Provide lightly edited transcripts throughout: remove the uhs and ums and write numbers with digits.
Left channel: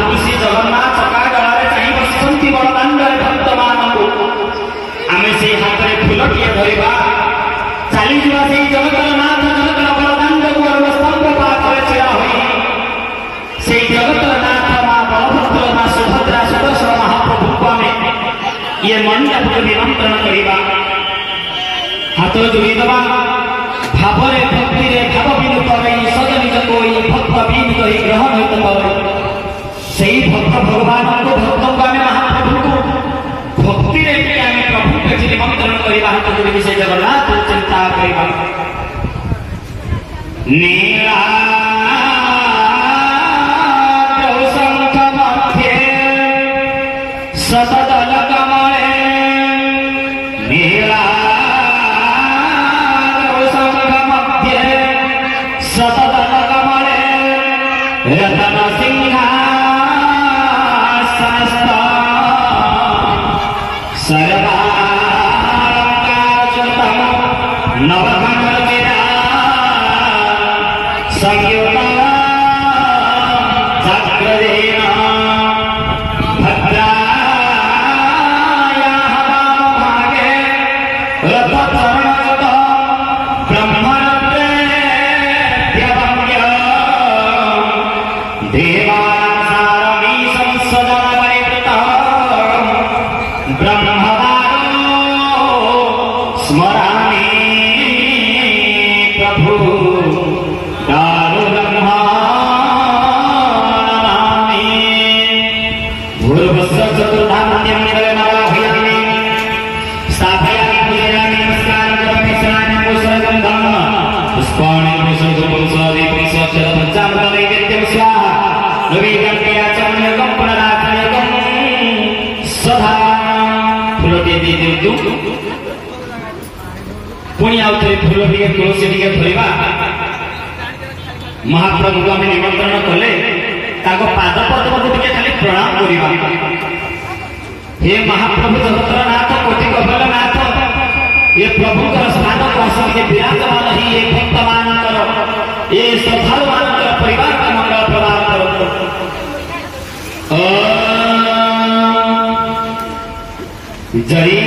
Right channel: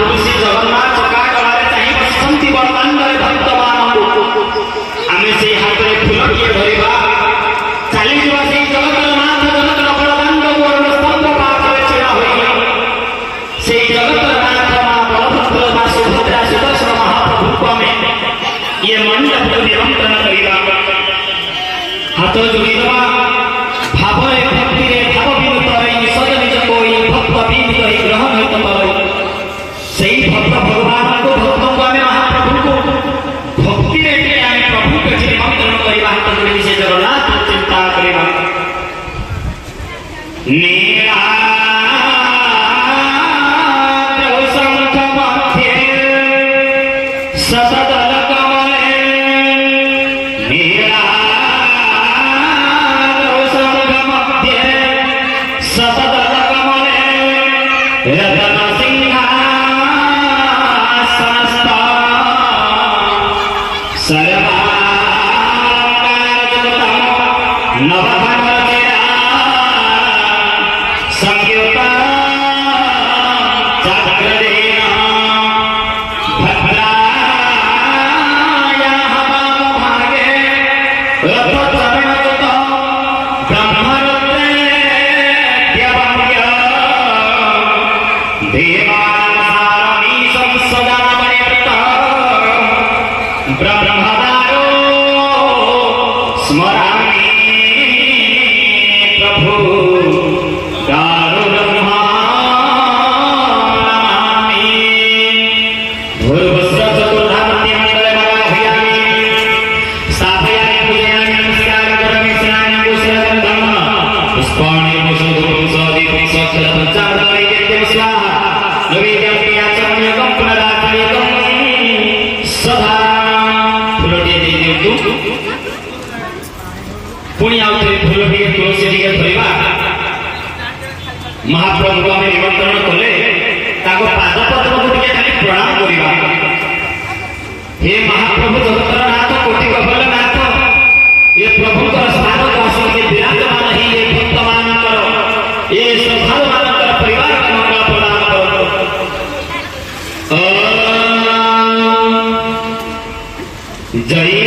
महाप्रभु श्री जगन्नाथ चका कलारे चाहि बसंती बड़दांडरे भक्त मानकु आमे से हाथ रे फुलटिए धरिबा चाली जीवा से जगन्नाथ जगत बड़दांड को स्तंभ पाखरे छिड़ा होई से जगन्नाथ मां बलभद्र मां सुभद्रा सुदर्शन महाप्रभु को आमे ये मंडप को निमंत्रण करिबा हाथ जोड़ी दबा भावरे भक्ति रे भाव विनुत रही सजन निज कोई भक्त विनुत ही ग्रहण हित पर सही भक्त भगवान को भक्तों को आमे महाप्रभु को भक्ति रे के आमे प्रभु के निमंत्रण करिबा हाथ जोड़ी विषय जगन्नाथ चिंता करिबा नीला महाप्रभु को आम निमंत्रण कले पाद पद्म को खाली प्रणाम करवा हे महाप्रभु जगतर नाथ कोटि कबल नाथ ये प्रभु स्थान कौशल से विराजमान ही ये भक्त मान ये श्रद्धालु मान परिवार का मंगल प्रदान करो जय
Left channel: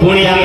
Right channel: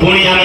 पुण्य